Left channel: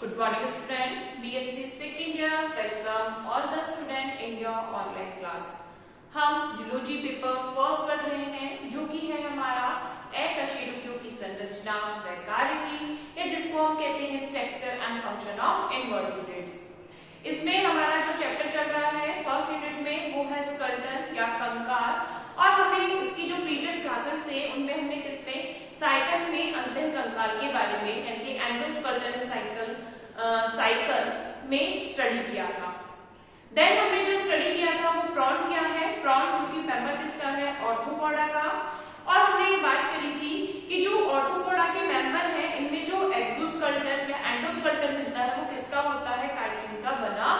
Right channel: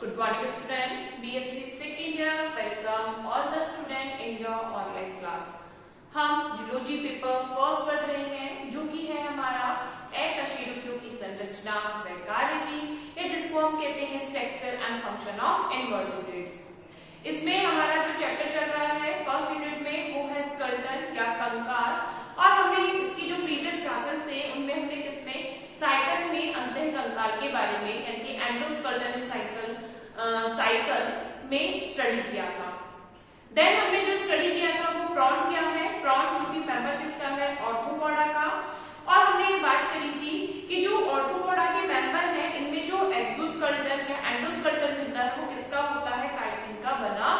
Good morning student, BSc second year, welcome all the student in your online class। हम zoology paper first पढ़ रहे हैं जो कि है हमारा अकशेरुकियों की संरचना व कार्य की, या जिसको हम कहते हैं structure and function of invertebrates. इसमें हमारा जो चैप्टर चल रहा है फर्स्ट यूनिट में वो है स्कल्टन या कंकाल, और हमने इसकी जो प्रीवियस क्लासेस थे उनमें हमने किसमें साइकल में अंतः कंकाल के बारे में यानी कि एंडोस्कल्टन साइकिल में स्टडी किया था। देन हमने जो स्टडी किया था वो प्रॉन क्या है, प्रॉन जो कि मेंबर किसका है, ऑर्थोपोडा का। और हमने ये बात करी थी कि जो ऑर्थोपोडा के मेंबर हैं इनमें जो एक्सोस्केलेटन या एंडोस्केलेटन मिलता है वो किसका होता है, काइटिन का बना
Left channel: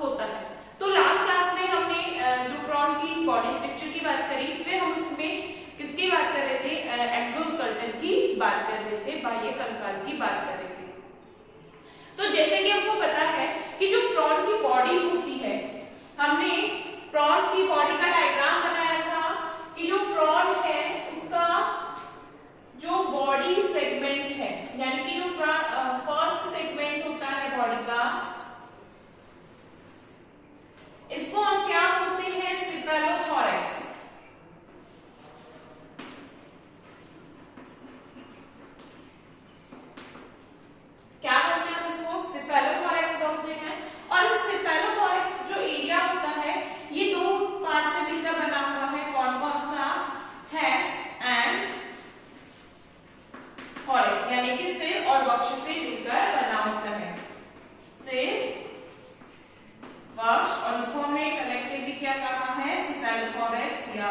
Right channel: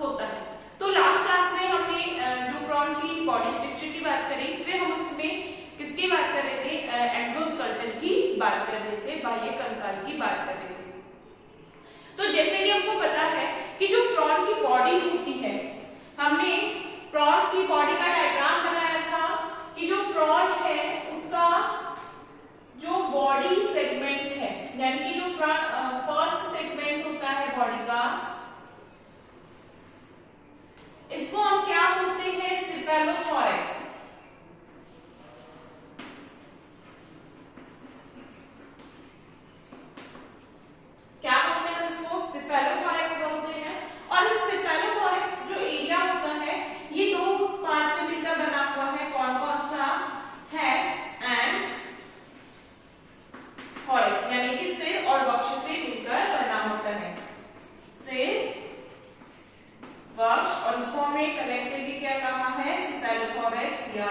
होता है। तो लास्ट क्लास में हमने जो प्रॉन की बॉडी स्ट्रक्चर की बात करी, फिर हम उसमें किसकी बात कर रहे थे, एक्सोस्केलेटन की बात कर रहे थे, बाह्य कंकाल की बात कर रहे थे। तो जैसे कि हमको पता है कि जो प्रॉन की बॉडी होती है, हमने प्रॉन की बॉडी का डायग्राम बनाया था कि जो प्रॉन है उसका जो बॉडी सेगमेंट है यानी कि जो फर्स्ट सेगमेंट होता है बॉडी का, इसको हम क्या बोलते हैं, सेफेलोथोरैक्स। क्या बोलते हैं हम इसको, सेफेलोथोरैक्स बोलते हैं। और इस सेफेलोथोरैक्स जो एरिया होता है ये दो पार्ट से मिलकर बना हुआ है, कौन कौन सा, हेड एंड थोरैक्स, यानी कि सिर और वक्ष से मिलकर बना होता है, सिर वक्ष, और इसको हमने कलेक्टिवली क्या कहा है, सेफेलोथोरैक्स या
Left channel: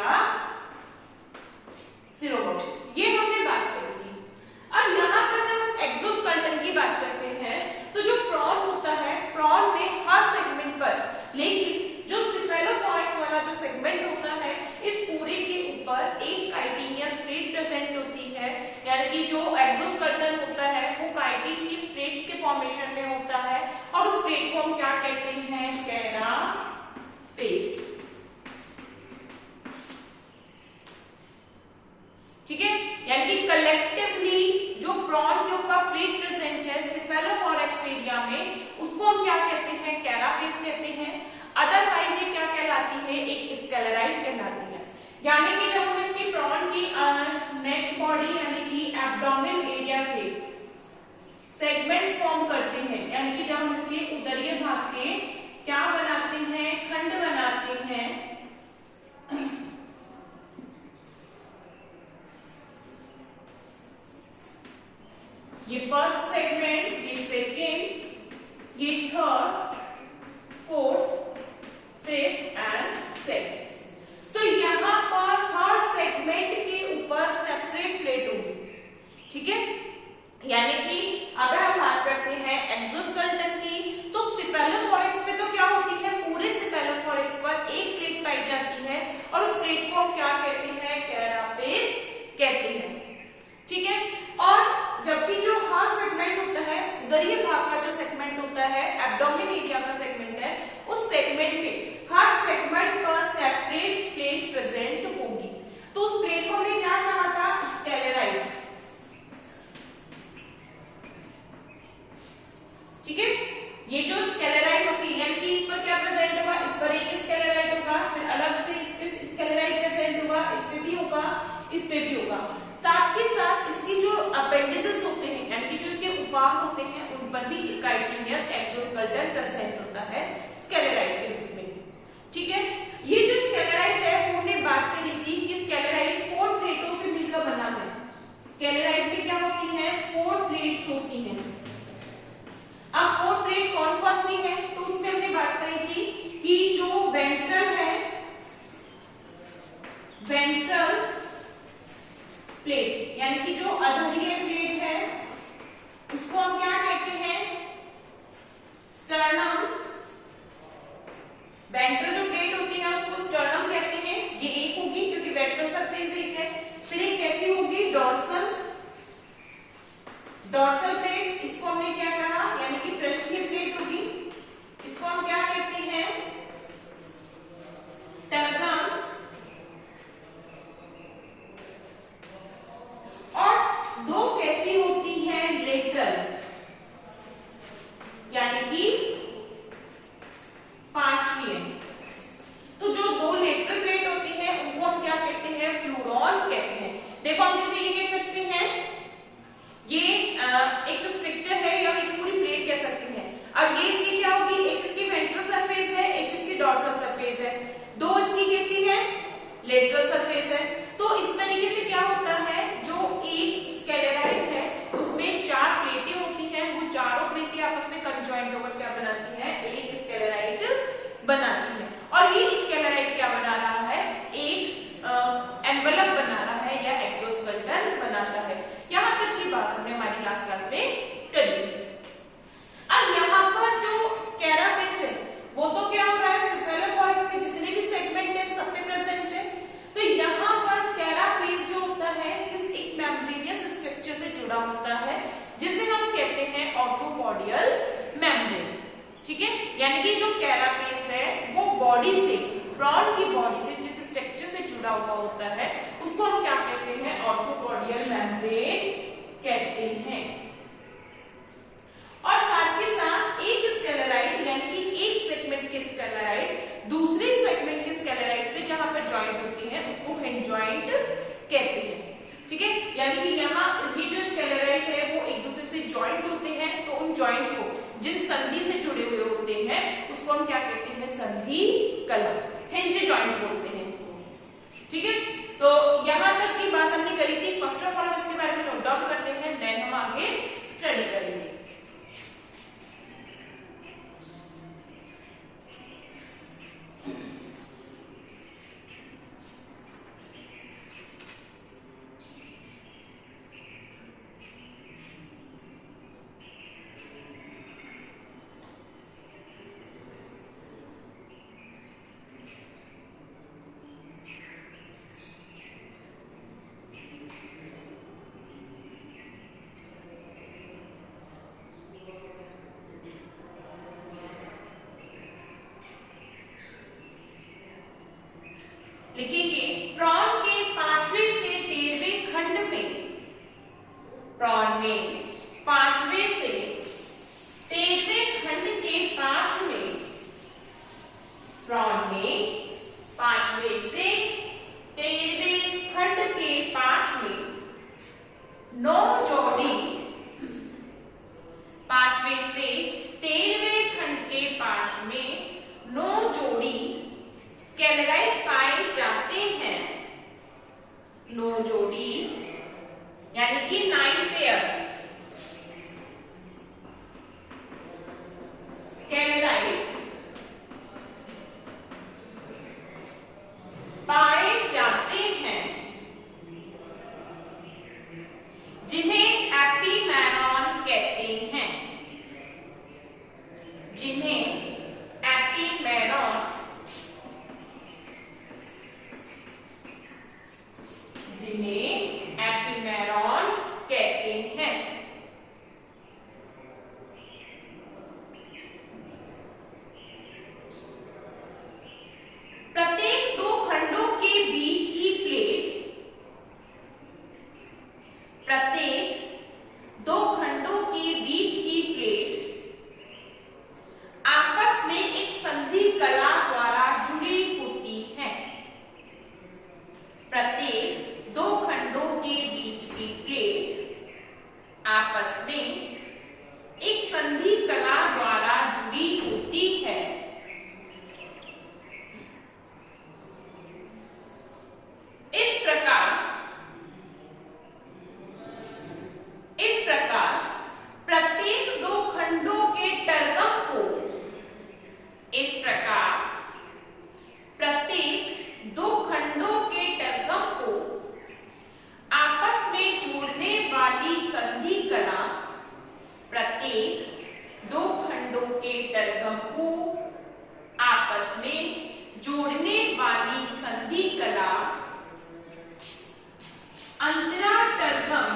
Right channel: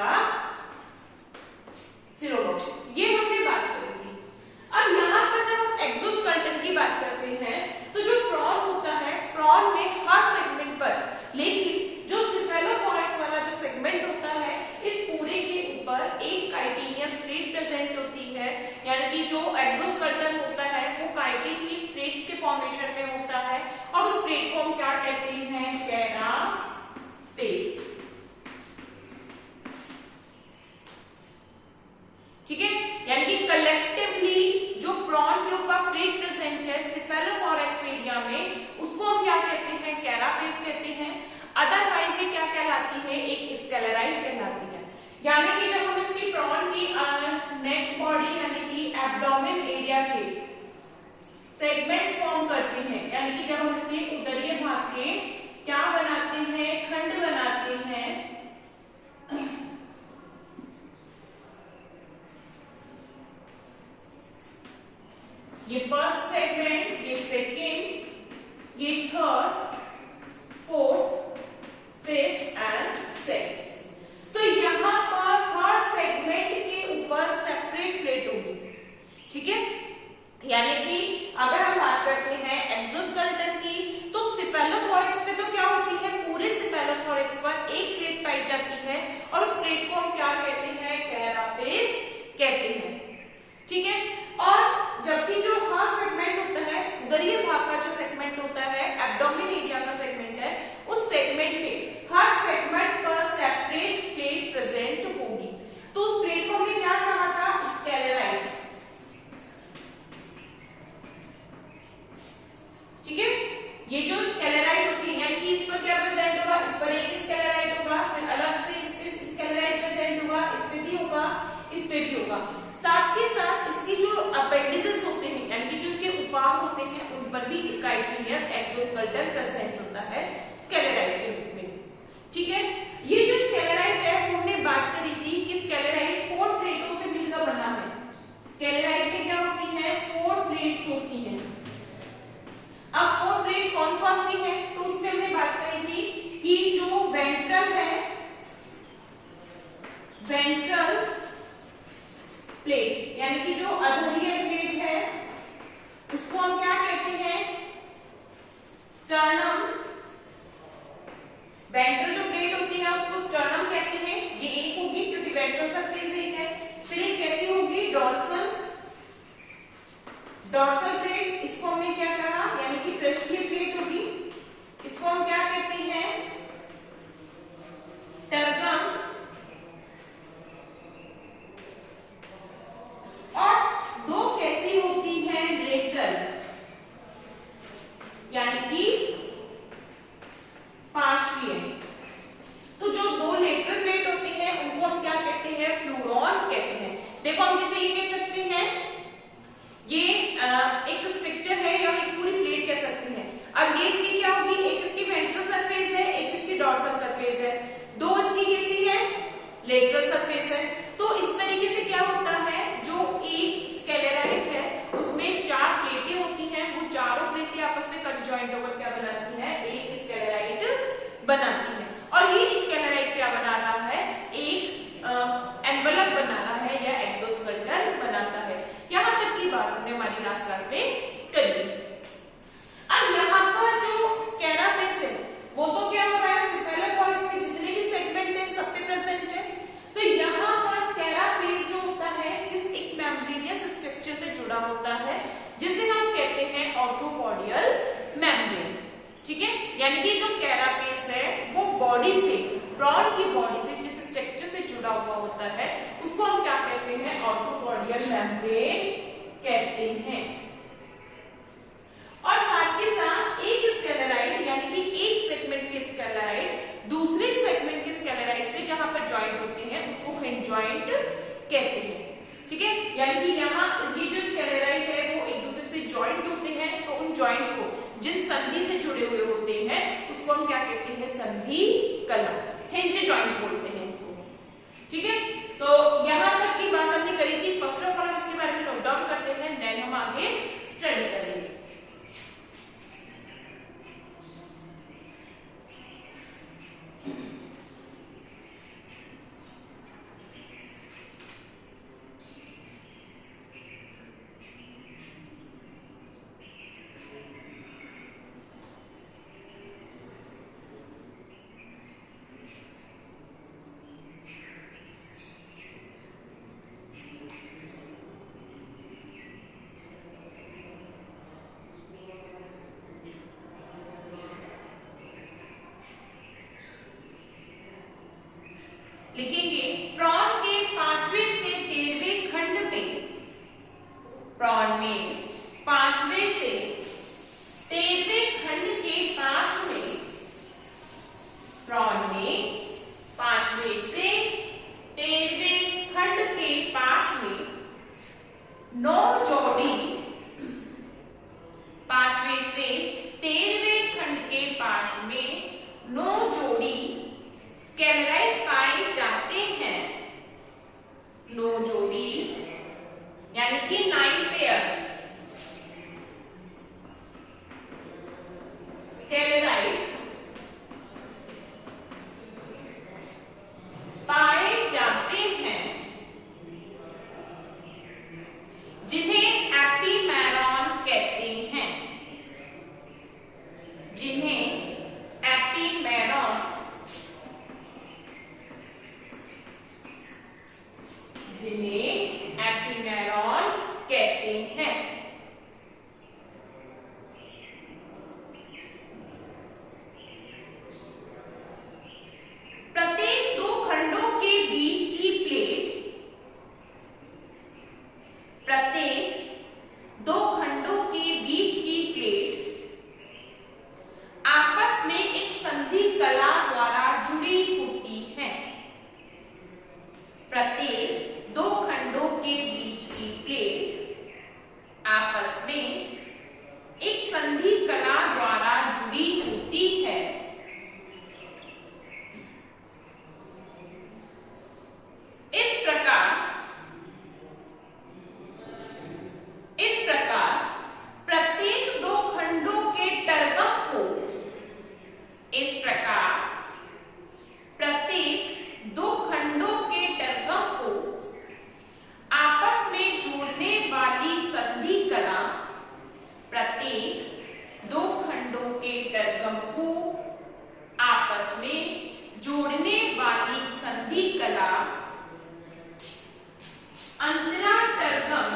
सिरोवक्ष। ये हमने बात करी थी। अब यहाँ पर जब हम एक्सोस्केलेटन की बात करते हैं तो जो प्रॉन होता है, प्रॉन में हर सेगमेंट पर, लेकिन जो सेफेलोथोरैक्स वाला जो सेगमेंट होता है इस पूरे के ऊपर एक काइटिनियस प्लेट प्रेजेंट होती है, यानी कि जो एक्सोस्केलेटन होता है वो काइटिन की प्लेट्स के फॉर्मेशन में होता है, और उस प्लेट को हम क्या कहते हैं, कैरापेस। ठीक है, यानी कि कलेक्टिवली जो प्रॉन के ऊपर प्लेट प्रेजेंट है सेफेलोथोरैक्स एरिया में, उसको हम क्या कहते हैं, कैरापेस कहते हैं। अदरवाइज ये क्या कहलाती है, एक स्केलेराइड कहलाती है। यानी कि जब हम इसकी प्रॉन की नेक्स्ट बॉडी यानी कि एब्डोमेन एरिया के सेगमेंट्स फॉर्म करते हैं, यानी कि जब हम इसके उदरीय भाग के क्या बनाते हैं, खंड बनाते हैं, ये फर्स्ट सेगमेंट, ये सेकेंड, ये third, fourth, fifth and sixth. तो यहाँ पर हर सेगमेंट के ऊपर सेपरेट प्लेट होगी। ठीक है, यानी कि अगर हम बात करते हैं एक्सोस्केलेटन की तो सेफेलोथोरैक्स पे तो क्या होती है, पूरे सेफेलोथोरैक्स पर एक प्लेट पाई जाती है, और उस प्लेट को हम क्या कहते हैं, कैरापेस कहते हैं। ठीक है, और जबकि जो हर सेगमेंट होता है, उदरीय भाग का जो सेगमेंट होता है, एब्डोमेन एरिया का सेगमेंट है, उस सेगमेंट में हर सेगमेंट पर सेपरेट प्लेट प्रेजेंट होगी। तो उस प्लेट को हमने क्या कहा था, स्केलेराइड। ठीक है, ये जो स्केलेराइड होती है यानी कि इस पर क्या प्रेजेंट होगा, इस पर एक स्केलेराइड होगा, फिर अलग से इस पे स्केलेराइड प्रेजेंट होगा, इस पे भी होगा, इस पे भी होगा। साथ के साथ इसकी जो अपेंडिसेस होते हैं यानी कि जो इसके उपांग होते हैं उन पर भी काइटिनियस एक्सोस्केलेटन प्रेजेंट होता है स्केलेराइड के रूप में। ठीक है, ये जो स्केलेराइड है वो हमने बात करी थी कि स्केलेराइड 4 प्लेटों से मिलकर बना है। स्केलेराइड में क्या होती है, 4 प्लेट्स होती हैं। अब 4 प्लेट कौन कौन सी है, तो उसमें हमने बात करी थी कि जो वेंट्रल है, वेंट्रल प्लेट यानी कि जो अधरीय प्लेट है उसको हम क्या कहते हैं, स्टर्नम। वेंट्रल जो प्लेट होती है उसको स्टर्नम कहते हैं, ये एक होगी क्योंकि वेंट्रल सरफेस एक है। फिर एक कैसी होगी, डॉर्सल, डॉर्सल प्लेट, इसको हमने क्या कहा, यानी कि पृष्ठीय प्लेट होगी, इसको हम क्या कहते हैं, टर्गम। और दो कैसी होती हैं, लेटरल। ही है। तो जो दो लेटरल प्लेट होते हैं उनको हम क्या कहते हैं, प्लूरॉन कहते हैं। देखो हम जैसे ये कह सकते हैं, ये एक स्ट्रक्चर है या एक पूरी प्लेट कह सकते हैं। अब ये इसकी क्या होगी, एक इसकी वेंट्रल सरफेस है, एक इसकी डॉर्सल सरफेस है, दो इसकी कैसी है, लेटरल सरफेस है। तो इस तरीके से क्या होता है, जो एक स्केलेराइड है उसमें चार प्लेटें होती हैं, वो चारों प्लेटें आपस में कंजॉइंट होकर क्या बनाती हैं, एक स्केलेराइड बनाती है। और ये स्केलेराइड क्या बना रहा है, एक एनवलप बना रहा है या एक्सोस्केलेटन बनाता है। यहां तक की बात हमने हमारी लास्ट क्लास में कर ली। अब यहाँ पर जो कैरापेस है वो तो क्या हो रहा है, सेफेलोथोरैक्स के जितने भी सेगमेंट है सब पे प्रेजेंट है। तो यहाँ पर कैरापेस जो होता है किस एक मेम्ब्रेनियस स्ट्रक्चर से जुड़ा होता है जिसे हम कहते हैं ऑर्थोपोडियल मेम्ब्रेन। ठीक है, यानी कि जो कैरापेस है वो बॉडी से, प्रॉन की बॉडी से जिस स्ट्रक्चर से जुड़ा हुआ होता है उसको हम क्या कहते हैं, ऑर्थोपोडियल मेम्ब्रेन कहते हैं। और साथ के साथ एक स्केलेराइड यानी कि एक सेगमेंट के स्केलेराइड दूसरे सेगमेंट के स्केलेराइड से जहां पर ज्वाइंट होते हैं उसको हिंज ज्वाइंट कहते हैं। ठीक है, यानी कि यहाँ ये जो स्केलेराइड है वो एक दूसरे से ज्वाइंट होते हैं, तो उन ज्वाइंट्स को जिन संधि से जुड़े हुए होते हैं उसको हम क्या कहते हैं, संधि कला, हिंज ज्वाइंट बोलते हैं इनको। ठीक है, तो यहाँ तक की बात हमने करी थी। फर्स्ट ऑफ ऑल हम इसके बारे में नोट डाउन करते हैं, देन हम आगे स्टडी करेंगे। लिखेंगे प्रॉन के 5वें से 13वें खंड में, प्रॉन में 5वें से 13वें खंड के पाश में, प्रॉन में 5वें से 13वें खंड के पाश में 9 जोड़ी, 5वें से 13वें खंड के पाश में 9 जोड़ी स्केलेराइड पाए जाते हैं। 9 जोड़ी यानी कि 9 पेयर स्केलेराइड पाए जाते हैं जिन्हें एपीमेरॉन कहते हैं, जिन्हें एपीमेरॉन, जिन्हें एपीमेरॉन कहते हैं। प्रत्येक 2 खंडों के बीच की प्लेट, प्रत्येक 2 खंडों के बीच की प्लेट आपस में एक संधि कला द्वारा जुड़ी होती है। प्रत्येक 2 खंडों के बीच की प्लेट आपस में एक संधि कला द्वारा जुड़ी होती है। इस प्रकार प्रत्येक 2 खंडों के टर्गम को, इस प्रकार प्रत्येक 2 खंडों के टर्गम को आपस में जोड़ने वाली संधि कला, प्रत्येक 2 खंडों के टर्गम को आपस में जोड़ने वाली संधि कला अंतरा टर्गम,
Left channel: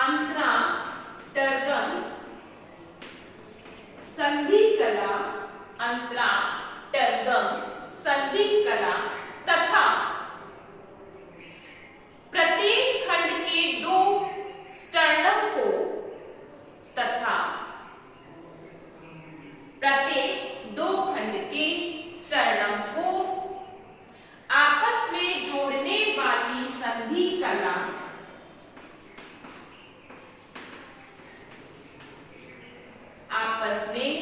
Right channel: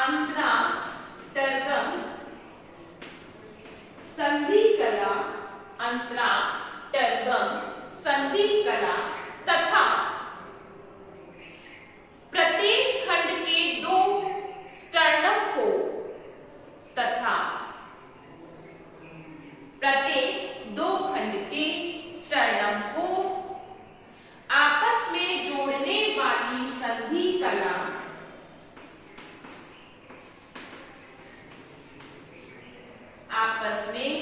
अंतरा टर्गम संधि कला, अंतरा टर्गम संधि कला तथा प्रत्येक खंड के 2 स्टर्नम को, तथा आपस में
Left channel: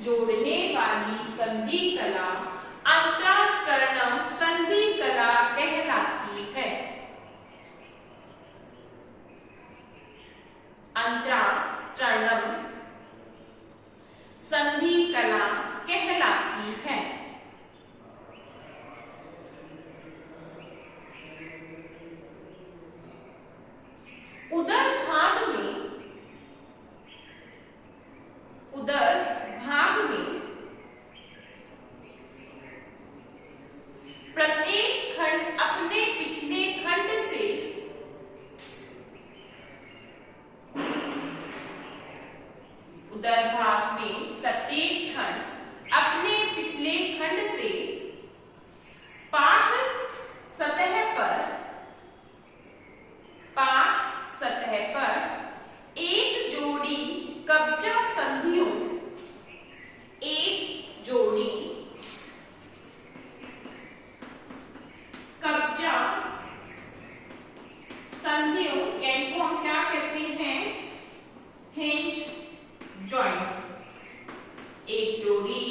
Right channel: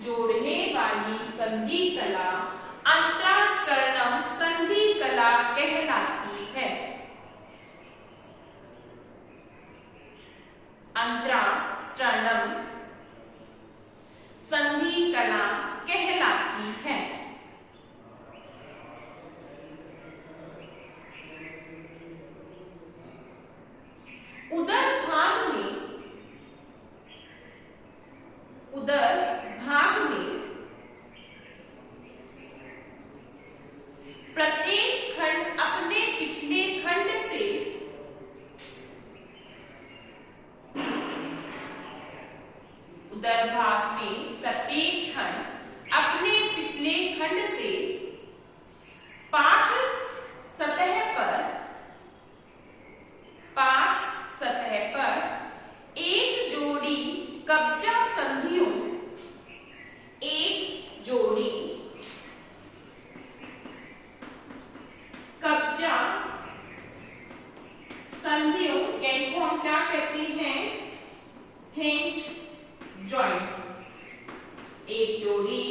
जोड़ने वाली संधि कला अंतरास्टर्नम संधि कला कहलाती है। अंतरास्टर्नम संधि कला कहलाती है। उदर भाग में प्रत्येक खंड अपने पिछले खंड से उदर भाग में प्रत्येक खंड अपने पिछले खंड से पार्श्व सतह पर एक जोड़ी कब्जा संधियों इनको हम क्या कहते हैं? Hinge joint. एक जोड़ी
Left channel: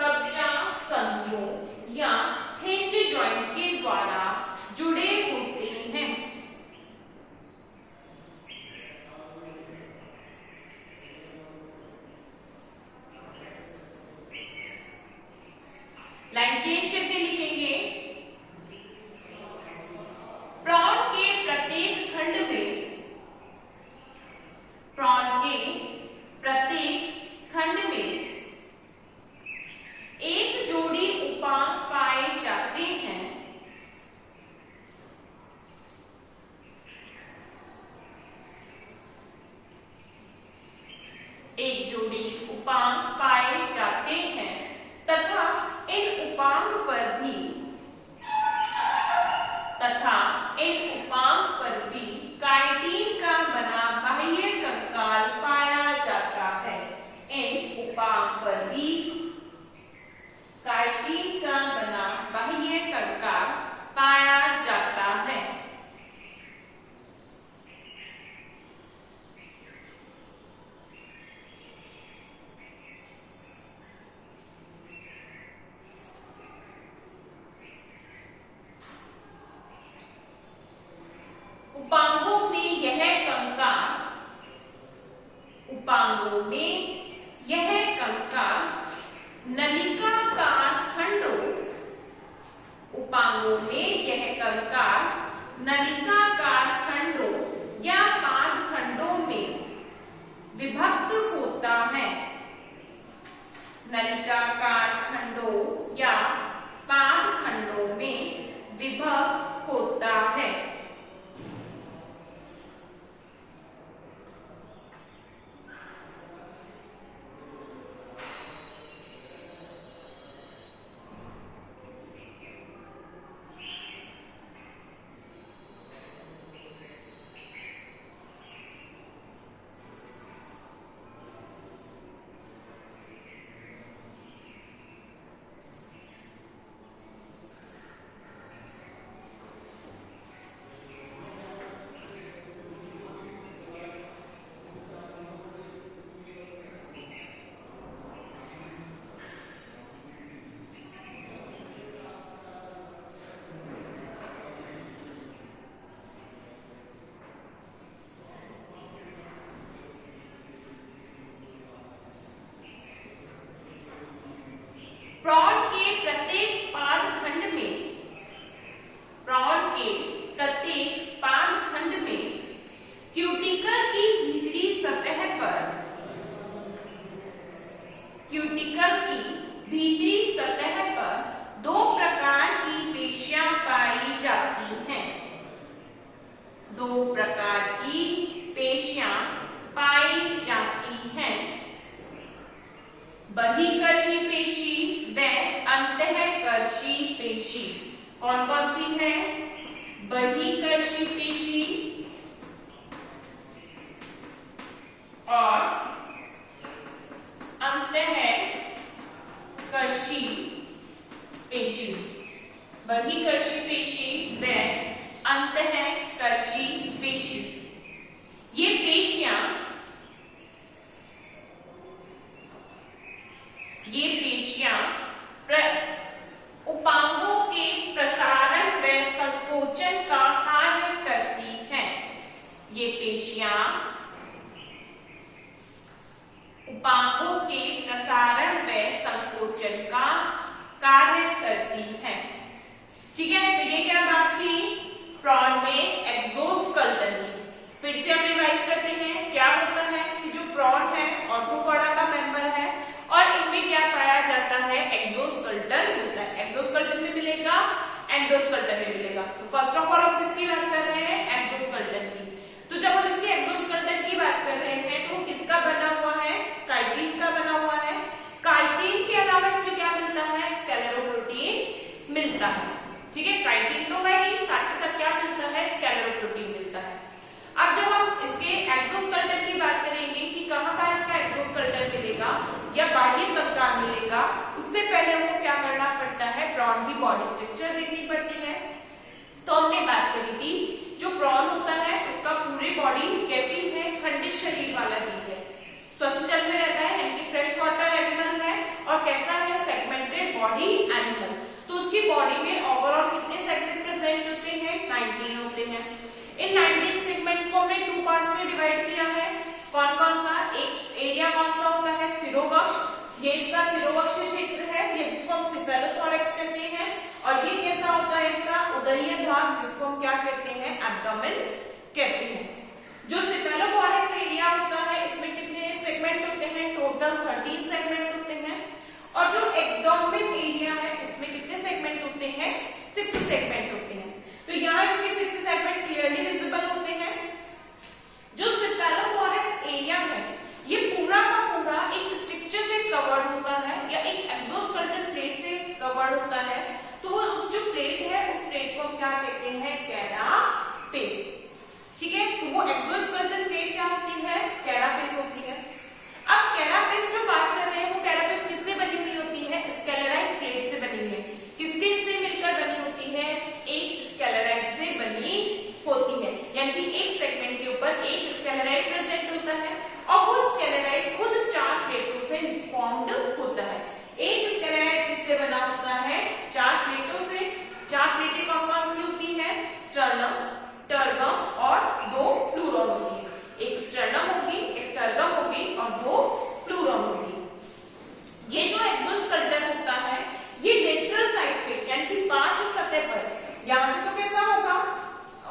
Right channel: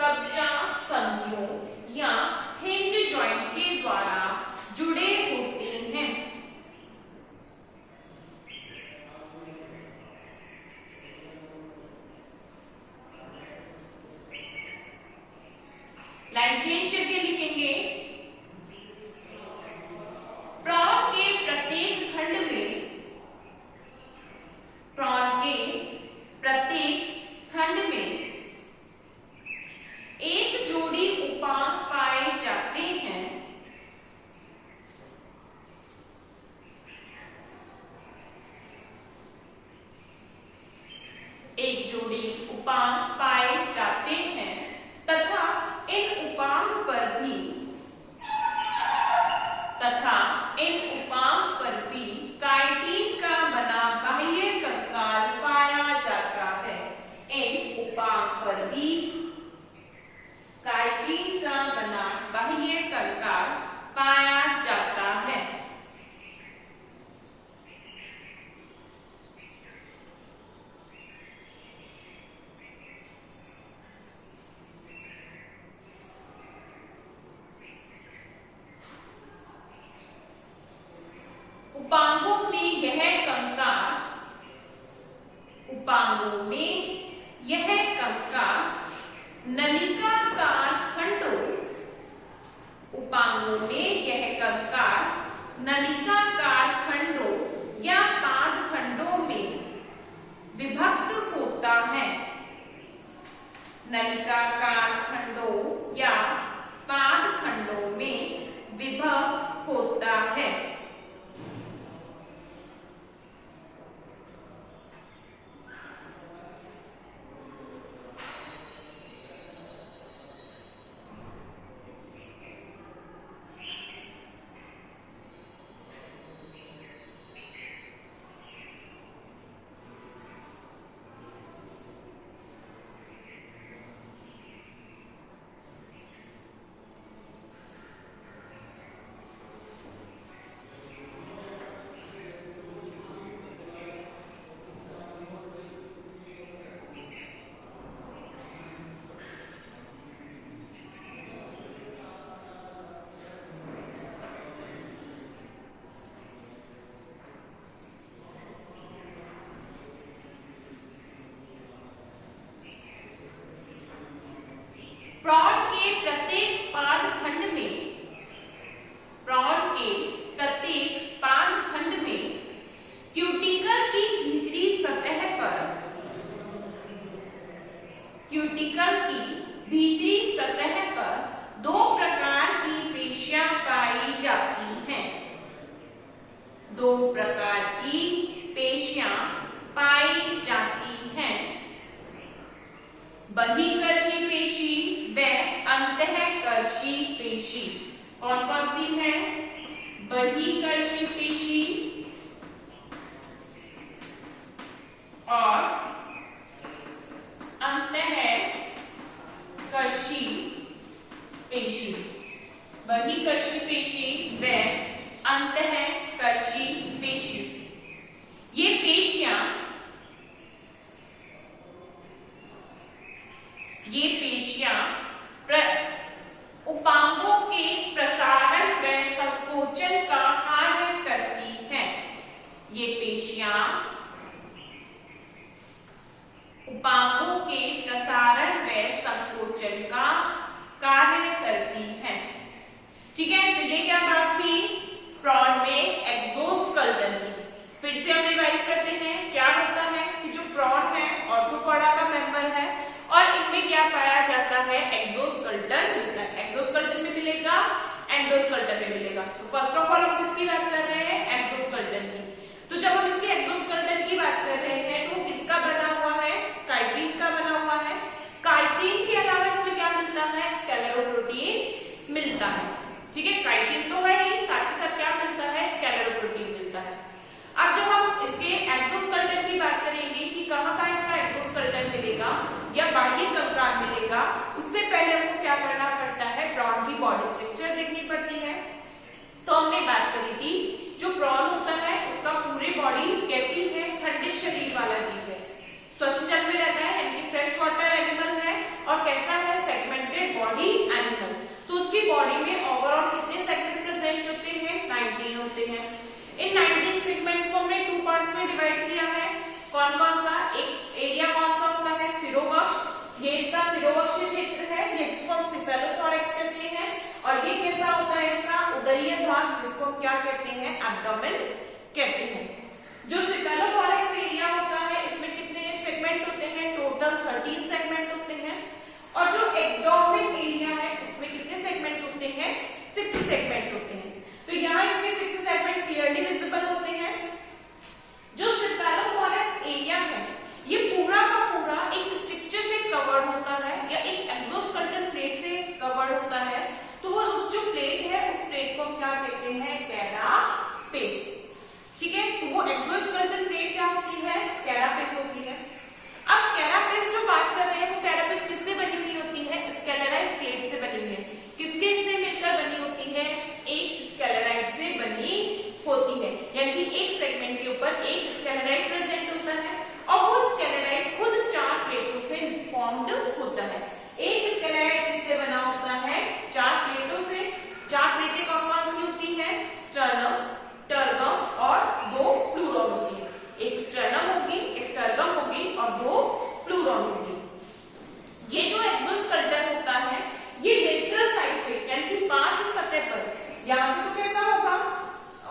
कब्जा संधियों या हिंज जॉइंट के द्वारा जुड़े होते हैं। लाइन चेंज करके लिखेंगे। प्रॉन के प्रत्येक खंड में एक जोड़ी उपांग पाए जाते हैं। एक जोड़ी उपांग पाए जाते हैं तथा इन उपांग पर भी काइटिन का बना बाह्य कंकाल पाया जाता है। इन उपांग पर भी काइटिन का बना बाह्य कंकाल पाया जाता है। उपांगों में यह कंकाल नलिकाकार खंडों या पाद खंडों में विभक्त होता है। नलिकाकार खंडों या पाद खंडों में विभक्त होता है। प्रॉन के प्रत्येक पाद खंड में क्यूटिकल की भीतरी सतह पर दो प्रकार की पेशियां पाई जाती हैं। दो प्रकार की पेशियां पाई जाती हैं। बहिर्कर्षी पेशी व अंतःकर्षी पेशी। कौन कौन सी है? बहिर्कर्षी पेशी और अंतःकर्षी पेशी। बहिर्कर्षी पेशी व अंतःकर्षी पेशी। ये पेशियां ये पेशियां उपांगों के प्रसारण व संकोचन का कार्य करती हैं। ये पेशियां उपांगों के प्रसारण व संकोचन का कार्य करती हैं। ठीक है, तो ये क्या बात की प्रॉन में एक्सोस्केलेटन की। फिर से हम रिवाइज करते हैं। क्या होता है कि जो प्रॉन है ऑर्थोपोडा का मेंबर है और इनमें क्या पाया जाता है, एक्सोस्केलेटन मिलता है। एक्सोस्केलेटन में मिलेगा, एंडोस्केलेटन में मिलेगा। तो फर्स्ट ऑफ ऑल हम किसकी बात कर रहे हैं, एक्सोस्केलेटन की। तो जब हम इसके एक्सोस्केलेटन की बात कर रहे हैं तो किसका बना हुआ है, काइटिन का बना हुआ है। काइटिन के अलावा इसमें क्या मिलता है, स्क्लेरोप्रोटीन मिलता है। ठीक है, काइटिन तो है ही, साथ ही साथ क्या मिलता है, स्क्लेरोप्रोटीन मिलता है। अब जब हम इसके एक्सोस्केलेटन की बात करेंगे कि कहाँ इसका एक्सोस्केलेटन मिलेगा या बाह्य कंकाल मिलेगा, उससे पहले हमको क्या करना पड़ता है, प्रॉन की बॉडी स्ट्रक्चर देखनी पड़ती है। तो हमने बात करी थी जो प्रॉन होता है उसका पूरी बॉडी कैसी है, खंडित शरीर वाला जीव है, स्वच्छ जल में रहता है यानी फ्रेश वाटर एनिमल है, और कैसा है, सेगमेंटेड बॉडी एनिमल। तो उसकी बॉडी में ओवरऑल कितने सेगमेंट प्रेजेंट होते हैं, 19 होते हैं। इन 19 सेगमेंट्स को हमने 2 पार्ट्स में डिवाइड किया है। कौन कौन सा, एक एरिया कौन सा होता है, सिरोवक्ष, ये इसका सिरोवक्ष क्षेत्र है, ये जिसको हम सिफेलोथोरैक्स कहते हैं। और ये कैसा होता है, इसका उदरीय भाग, जिसको हम क्या कहते हैं, एब्डोमेन कहते हैं। जो सिफेलोथोरैक्स एरिया होता है इसमें कितने सेगमेंट होते हैं, टोटल 13 सेगमेंट होते हैं। और जो एब्डोमेन एरिया है उसमें कितने सेगमेंट होते हैं, 6 सेगमेंट होते हैं। तो यहाँ इसके 6 सेगमेंट क्लियरली विजिबल होते हैं। जो सिफेलोथोरैक्स एरिया है ये पूरा का पूरा एक स्ट्रक्चर से कवर्ड होता है या एक एक्सोस्केलेटन प्लेट से कवर्ड होता है। तो वो उस जो प्लेट है उस प्लेट को हम क्या कहते हैं, कैरापेस। ठीक है, तो वो एक्सोस्केलेटन प्लेट क्या होती है, कैरापेस होती है। अब कैरापेस जो बात कर रहे हैं वो कैरापेस किससे बनी हुई होती है, स्क्लेराइड प्लेट से बनी है। किसके से मिलकर बनी होती है, एक स्क्लेराइड से बनी होती है, यानी कि एक सेगमेंट के ऊपर एक स्क्लेराइड प्रेजेंट होता है और वो स्क्लेराइड खुद 4 प्लेटों से फॉर्म्ड होता है। एक स्क्लेराइड किससे बना होता है, 4 प्लेटों से। 4 प्लेटें कौन कौन सी होती है, स्टर्नम, टर्गम और 2 प्लूरॉन होती है। एक स्टर्नम होगी, एक टर्गम होगी और 2 प्लूरॉन होगी। ये जो एक्सोस्केलेटन होता है ये लेटरल साइड पे यानी कि पार्श्व सतह पर, यहां से तो कैसा होगा,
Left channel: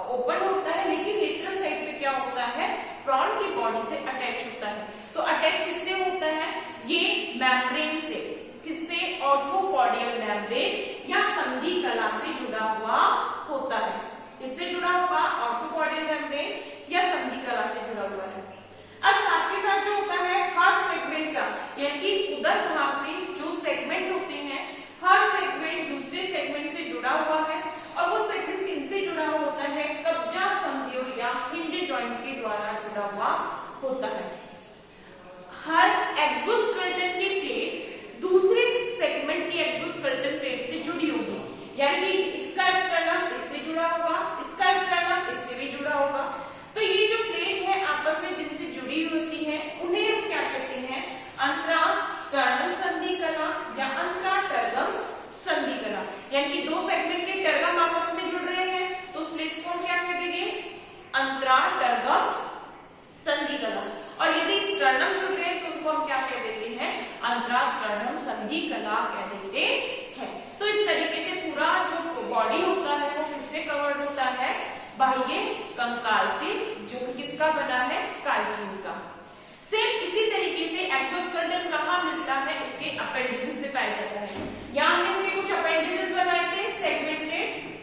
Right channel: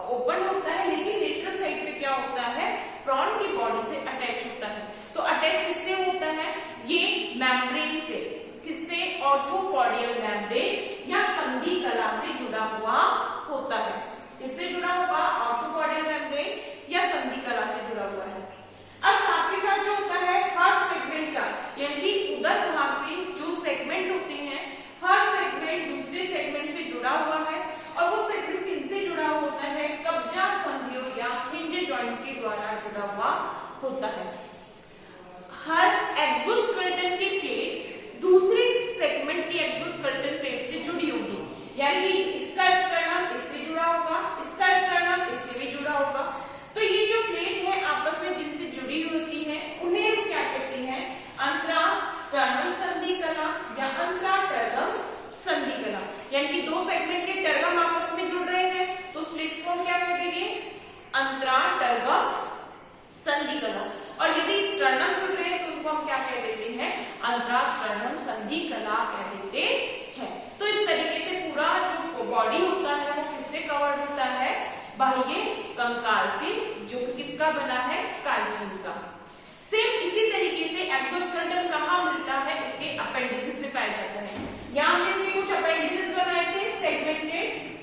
ओपन होता है, लेकिन लेटरल साइड पे क्या होता है, प्रॉन की बॉडी से अटैच होता है। तो अटैच किससे होता है, ये मेम्ब्रेन से, किससे, ऑर्थोपोडियल मेम्ब्रेन या संधि कला से जुड़ा हुआ होता है। किससे जुड़ा हुआ, ऑर्थोपोडियल मेम्ब्रेन या संधि कला से जुड़ा हुआ है। अब साथ के साथ जो होता है हर सेगमेंट का, यानी कि उदर भाग में जो सेगमेंट होते हैं हर सेगमेंट दूसरे सेगमेंट से जुड़ा हुआ है और वो सेगमेंट किनसे जुड़ा हुआ होता है, कब्जा संधियों या हिंज जॉइंट के द्वारा जुड़ा हुआ होता है। हर एक्सोस्केलेटन की प्लेट दूसरे सेगमेंट की एक्सोस्केलेटन प्लेट से जुड़ी होगी, यानी कि इसका स्टर्नम इससे जुड़ा होगा, इसका स्टर्नम इससे भी जुड़ा होगा। तो ये जो प्लेट है आपस में जिनसे जुड़ी होती है उन्हें हम क्या कहते हैं, अंतरा स्टर्नम संधि कला या अंतरा टर्गम संधि कला। यानी कि 2 सेगमेंट के टर्गम आपस में जुड़ रहे हैं तो उस प्लेस को हम क्या कह देंगे, अंतरा टर्गम संधि कला। और यदि स्टर्नम जुड़ रहे हैं तो उनको हम क्या कह देते हैं, अंतरा स्टर्नम संधि कला कह देते हैं। तो इस तरीके से पूरा जो बॉडी होता है वो किससे कवर्ड होता है, बाह्य कंकाल से, जो कि किसका बना है, काइटिन का। सेम इसी तरीके से एक्सोस्केलेटन कहाँ मिलता है, इसके अपेंडिसेस में पाया जाता है। यहाँ हमने इसके कुछ अपेंडिसेस बनाए थे सेगमेंटेड,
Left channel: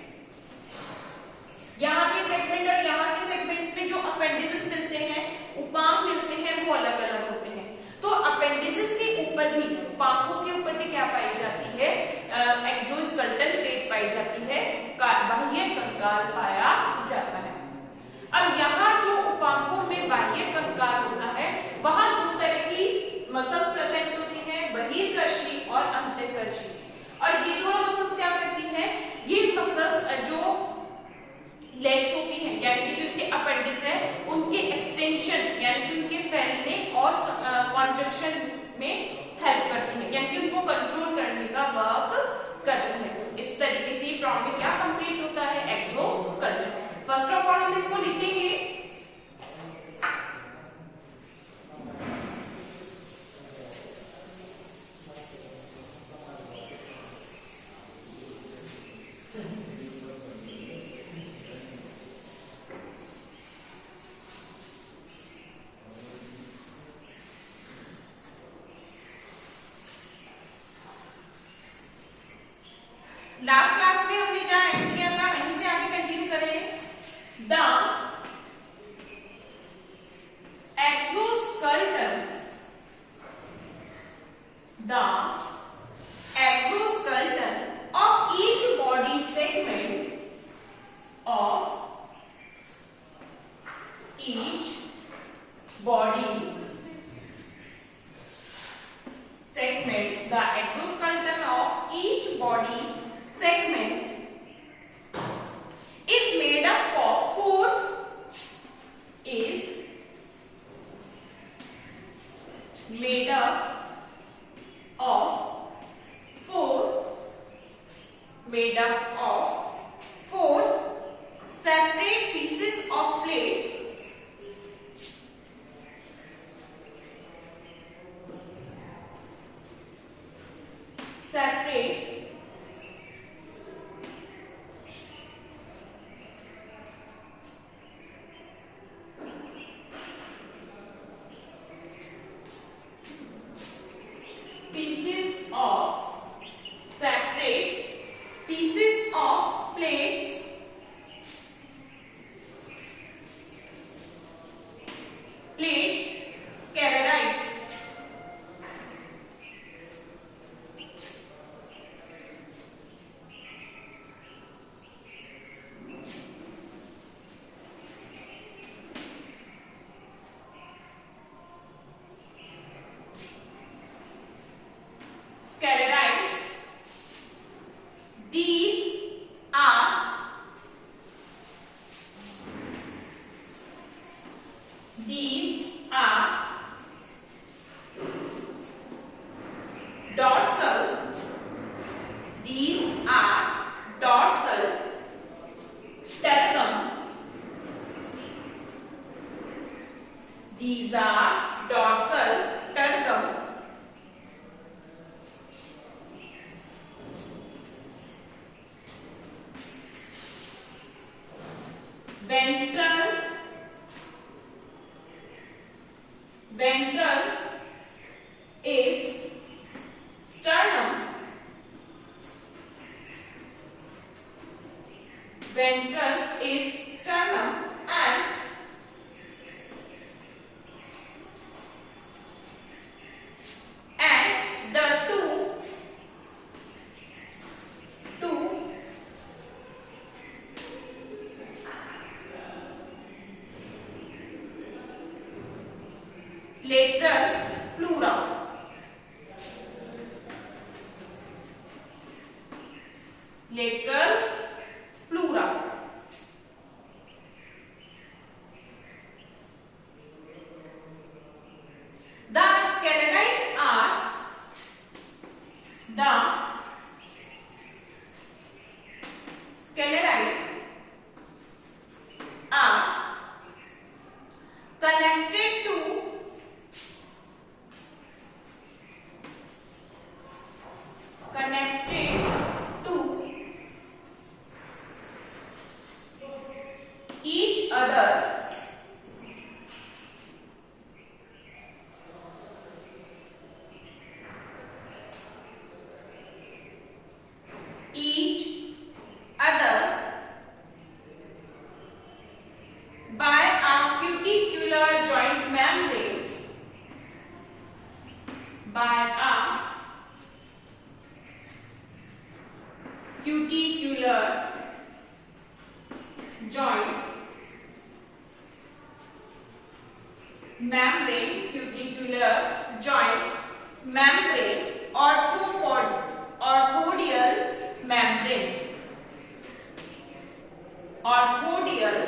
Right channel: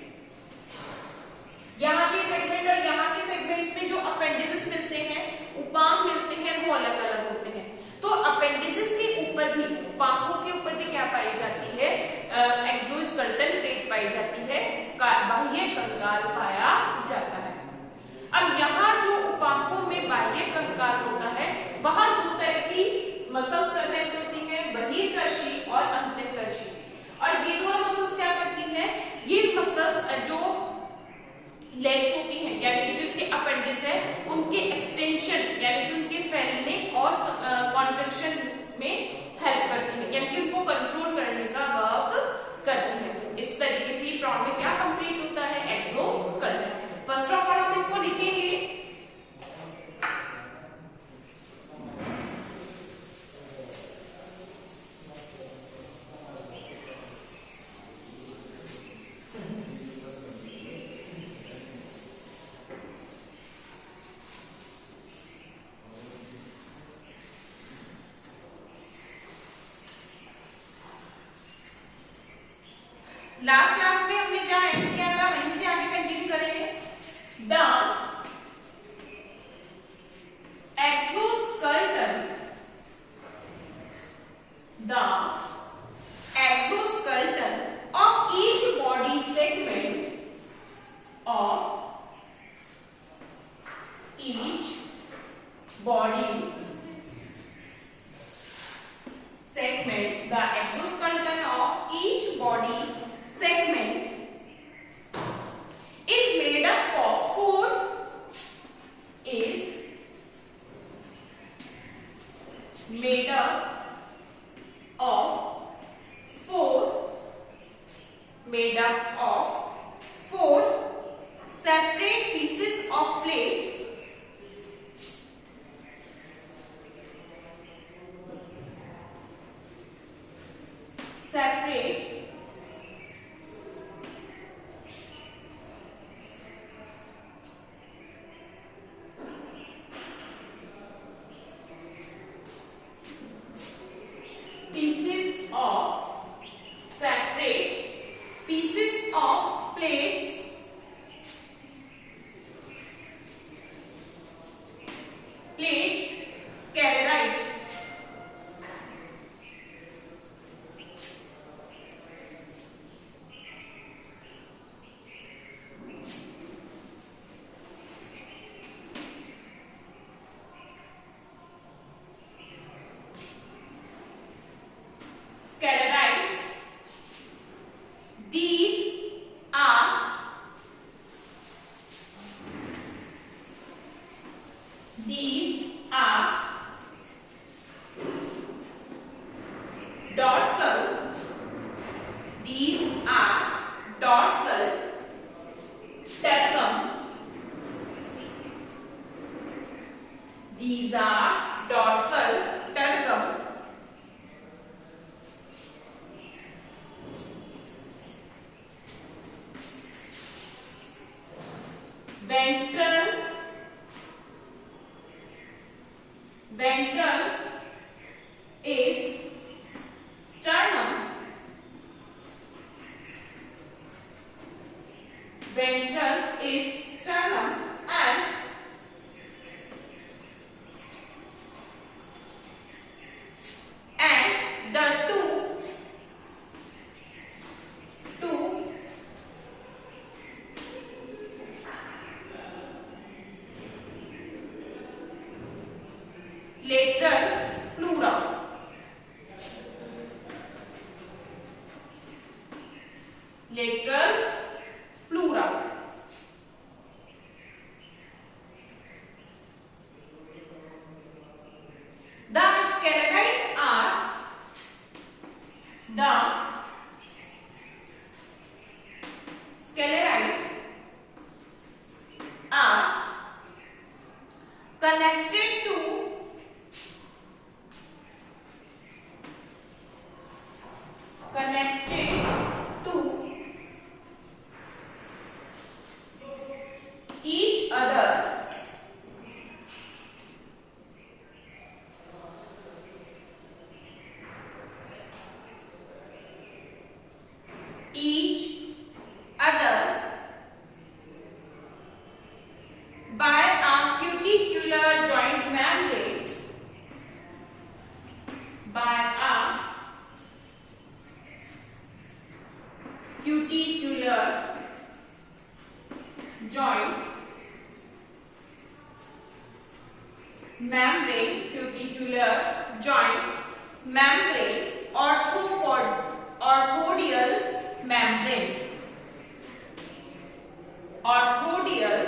यहाँ के सेगमेंट और यहाँ के सेगमेंट्स में जो अपेंडिसेस मिलते हैं, उपांग मिलते हैं, वो अलग अलग होते हैं। तो अपेंडिसेस के ऊपर भी, उपांगों के ऊपर भी क्या पाई जाती है, एक्सोस्केलेटन प्लेट पाई जाती है, बाह्य कंकाल पाया जाता है। अब यहाँ जो उपांगों में बाह्य कंकाल होता है वहां 2 तरह की मसल्स प्रेजेंट होती हैं, बहिर्कर्षी और अंतर्कर्षी। और ये दोनों मसल्स क्या करती हैं, ये मसल्स जो लेग्स होती हैं, यानी कि जो इसके अपेंडिक्स है उनके एक्सटेंशन यानी कि उनके फैलने और कॉन्ट्रैक्शन में हेल्प करती है, यानी कि लास्ट क्लास में हमने जहां एंड किया था वहीं से आगे कंटिन्यू करेंगे। The exoskeleton, the exoskeleton of each body segment of each body segment, the exoskeleton of each body segment is made up of four separate pieces of plate pieces of plates sclerite. Sclerites. These are dorsal. These are dorsal sternum. These are dorsal sternum. Ventral is sternum. Ventral is sternum and the two lateral pleura. Lateral pleura. The sclerite are connected to each other by a cuticular joint membrane. By a cuticular joint membrane, orthodial membrane. Orthodial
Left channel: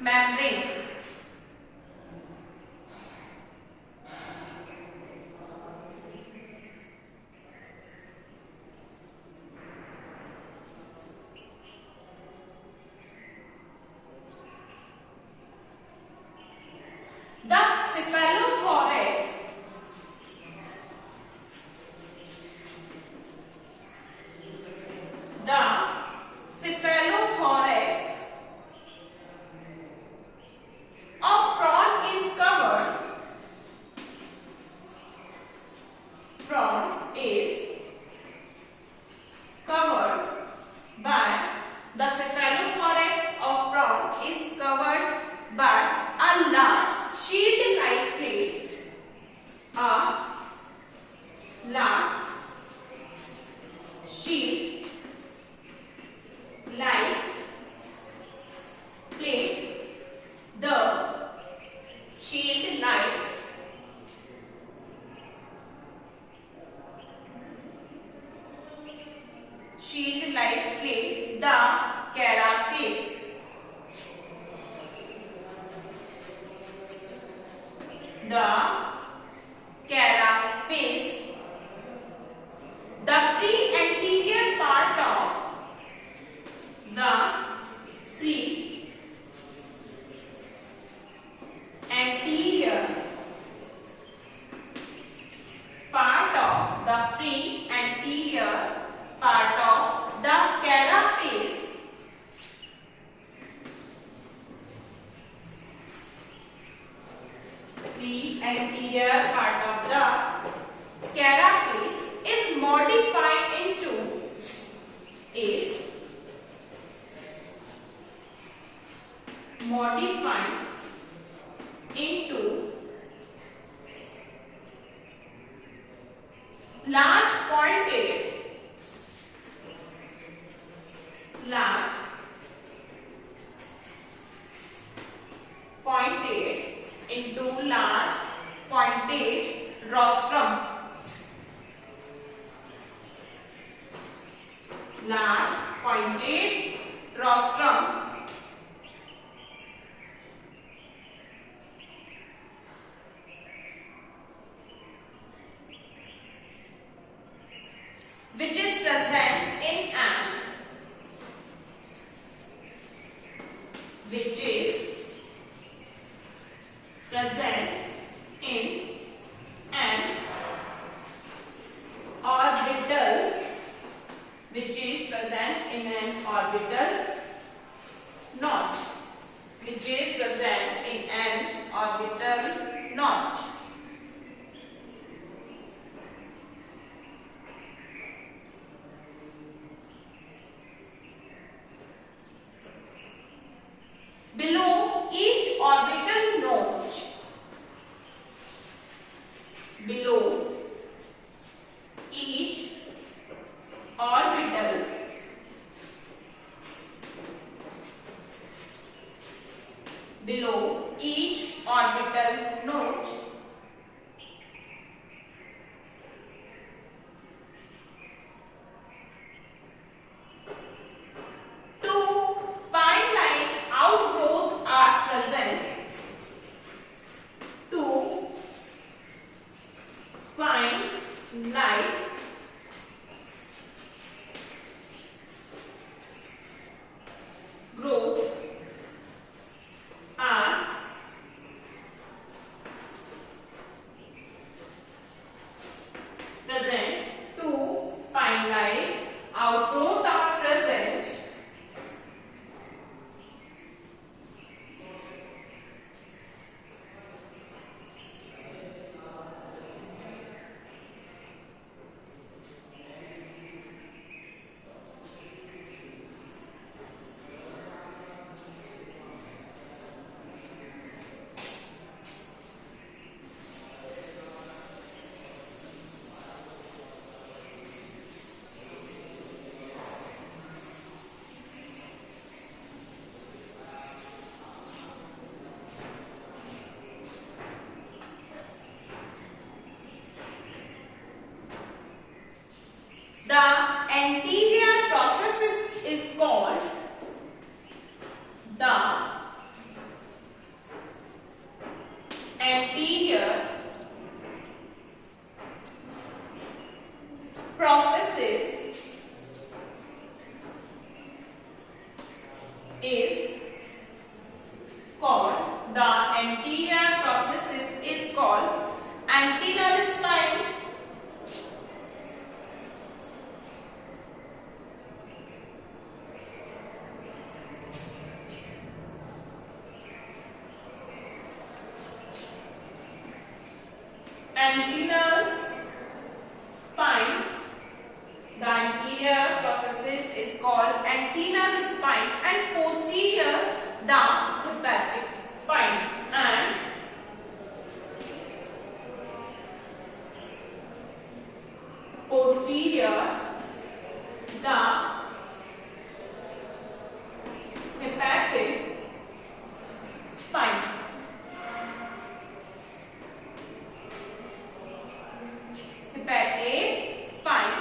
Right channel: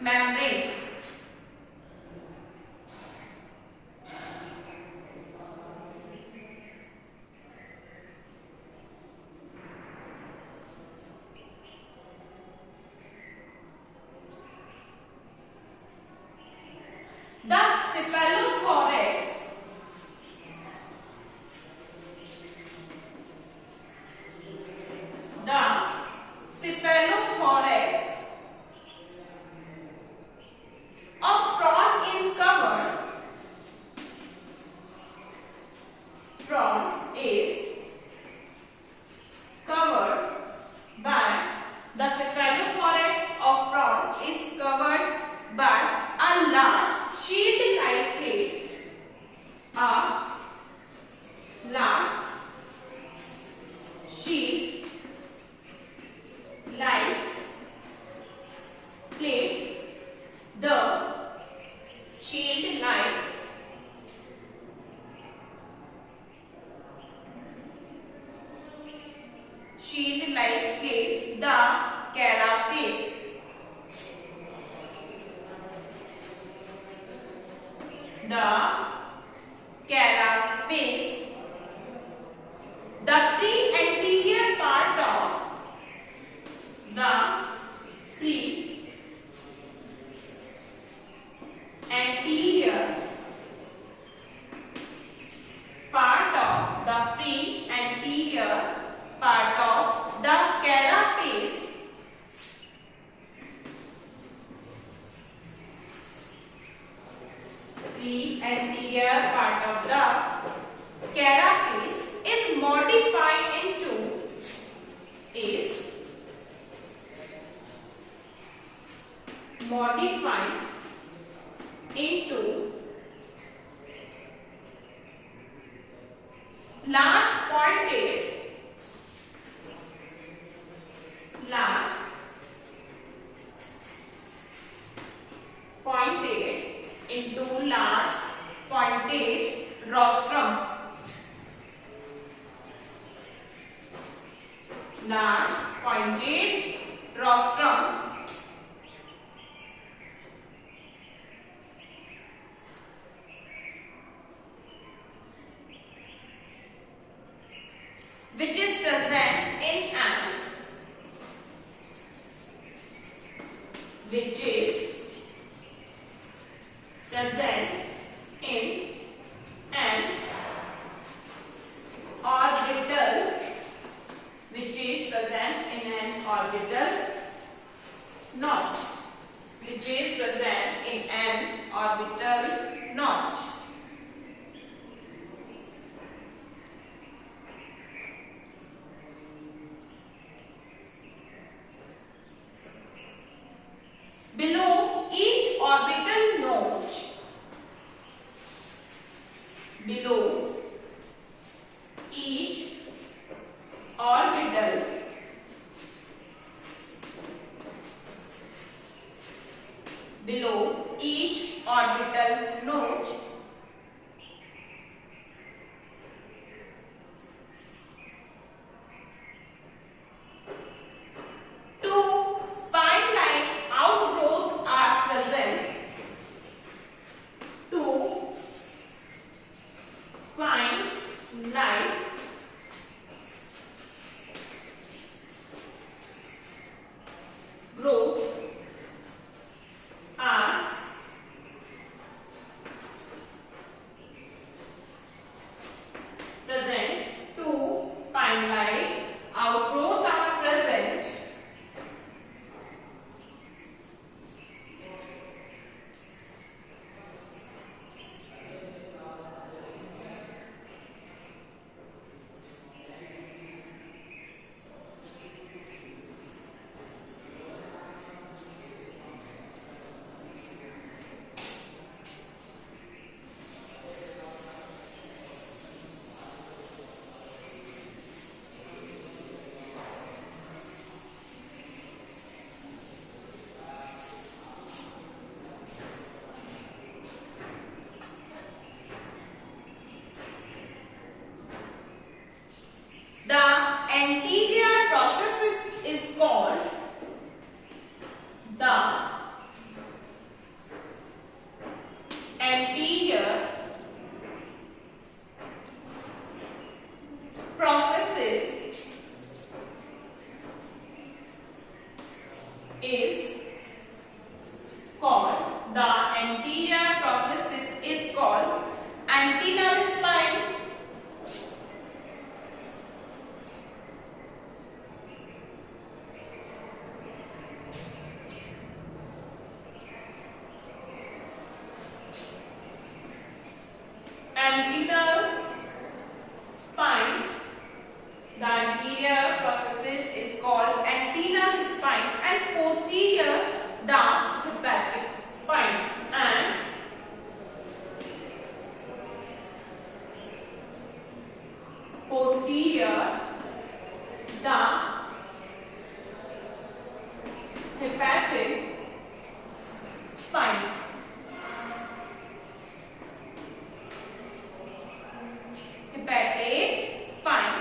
membrane. The cephalothorax sheet lightly the carapace. The carapace. The free anterior part of the free anterior part of the free anterior part of the carapace free anterior part of the carapace is modified into large pointed into large pointed rostrum. Large pointed rostrum which is present in an orbital notch. Below each orbital notch, below each orbital notch, two spine-like outgrowths are present. Two spine-like growth are present. Two spine-like outgrowth are present. The anterior process is called the anterior processes is called antennal spine. Antennal spine. The anterior processes is called antennal spine, and posterior the hepatic spine, and posterior the hepatic spine. Hepatic spine.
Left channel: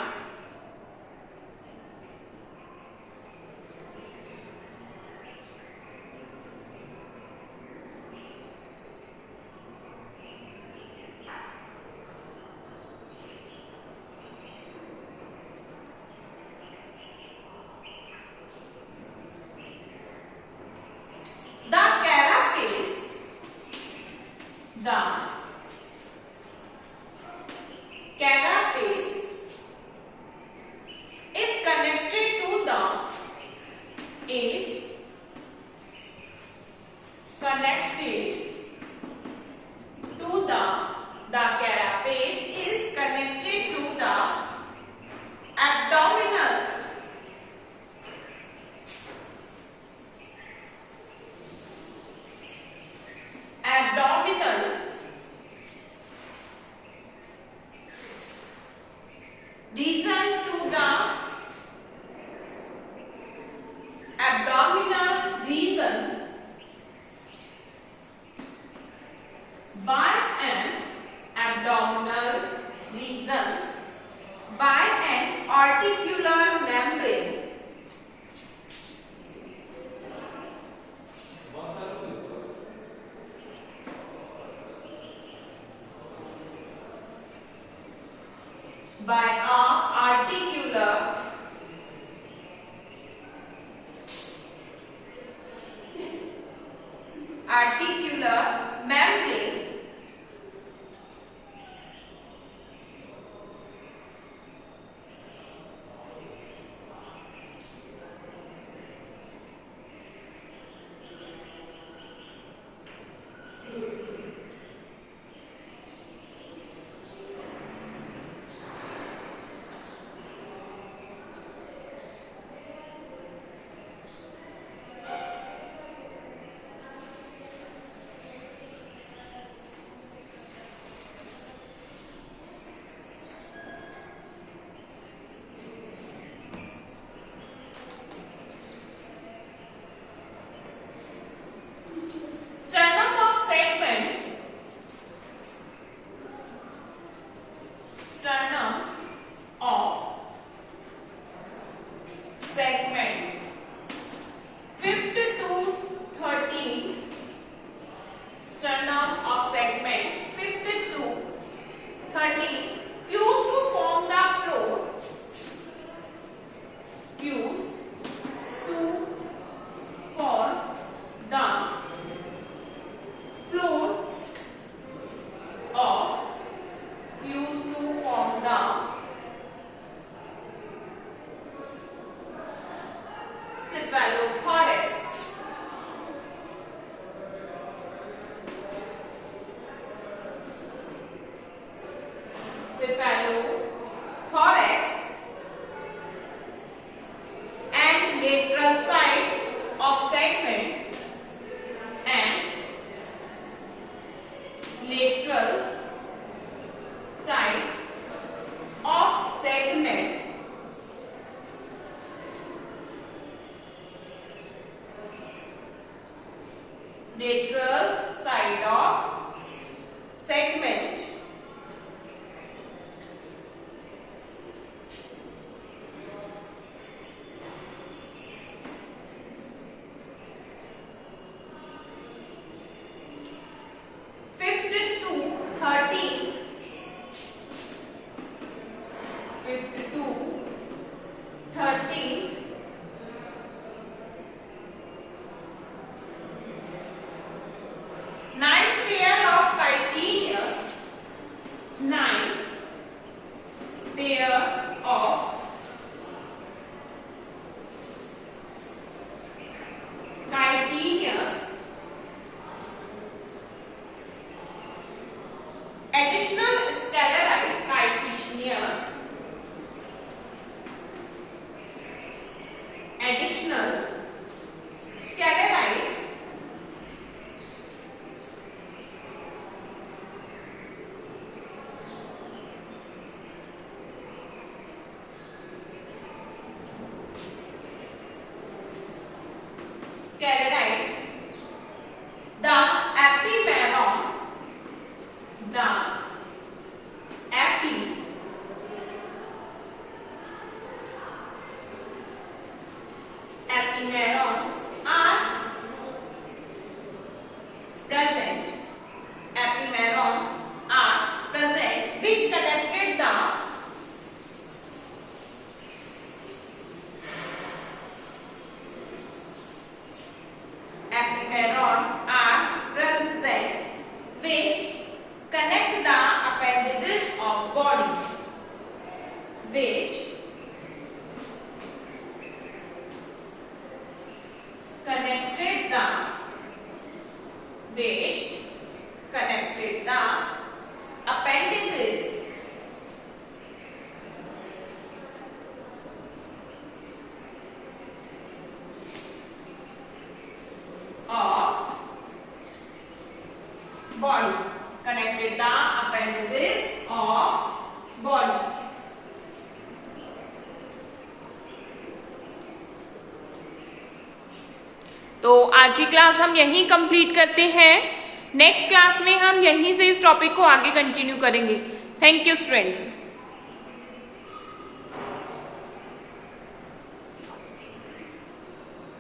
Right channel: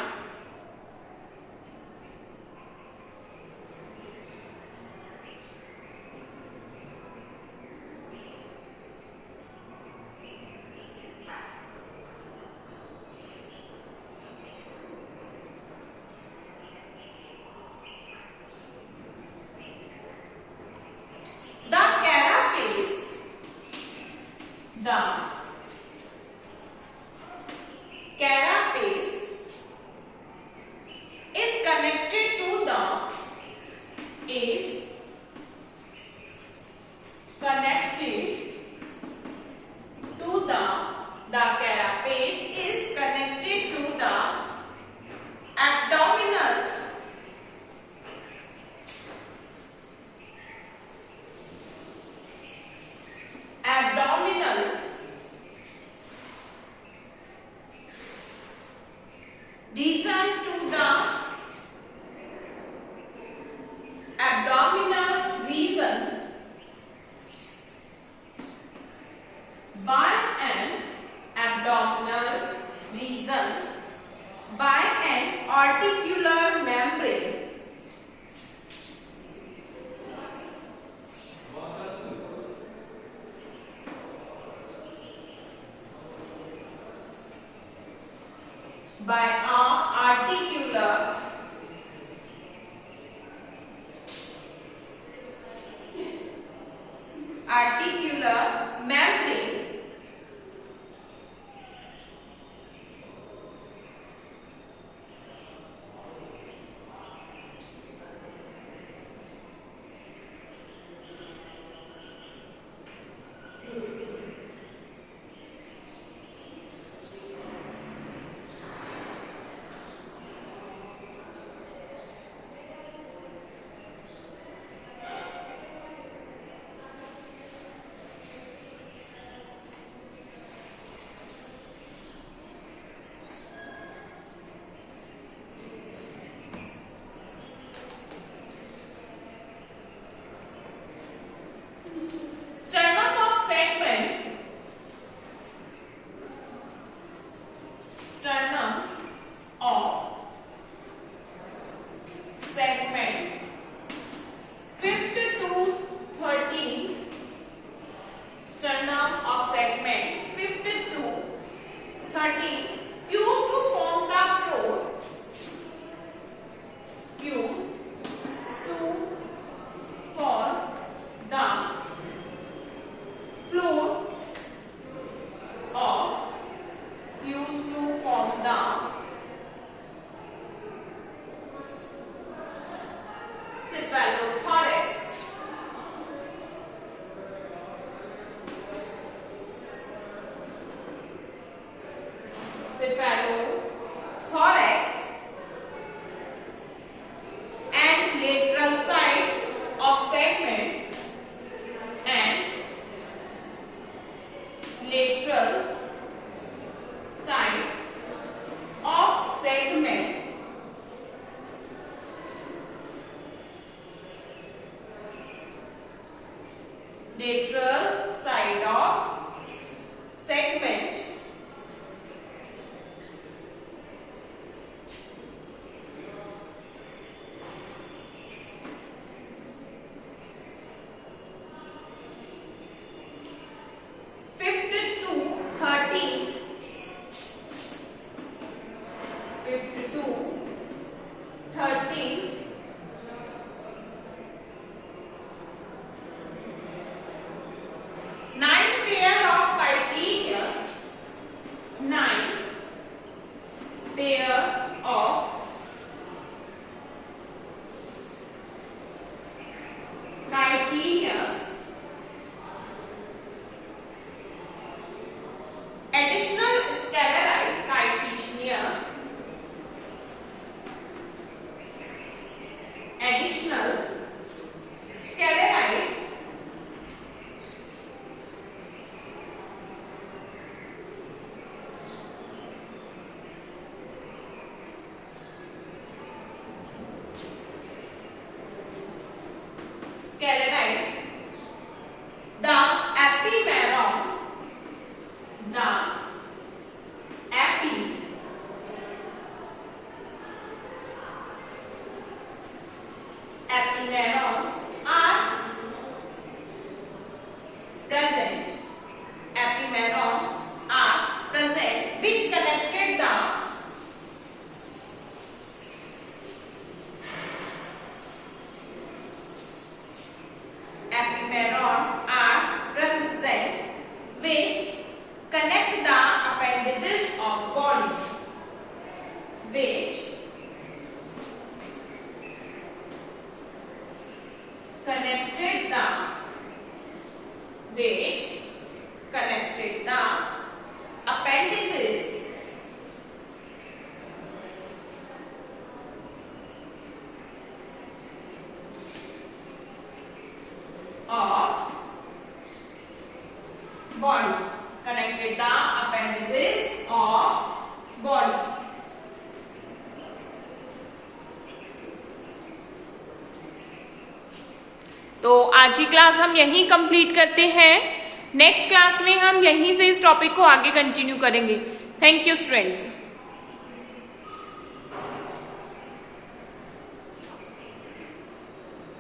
segment 5th to 13th sternum of segment 5th to 13th fuse to form the floor, fuse to form the floor of fuse to form the cephalothorax. Cephalothorax and lateral sides of segment and lateral side of segment lateral side of segment pair of chitinous additional sclerite chitinous additional sclerite sclerite, the epimeron, the epimerons are present. Epimerons are present which connected the epimeron are present which connect the appendages of body, which connected the appendages of body, connected the appendages of body. तो आज की class हम यहीं complete करते हैं। Next class में हम यहीं से इस टॉपिक को आगे कंटिन्यू करेंगे। Thank you students.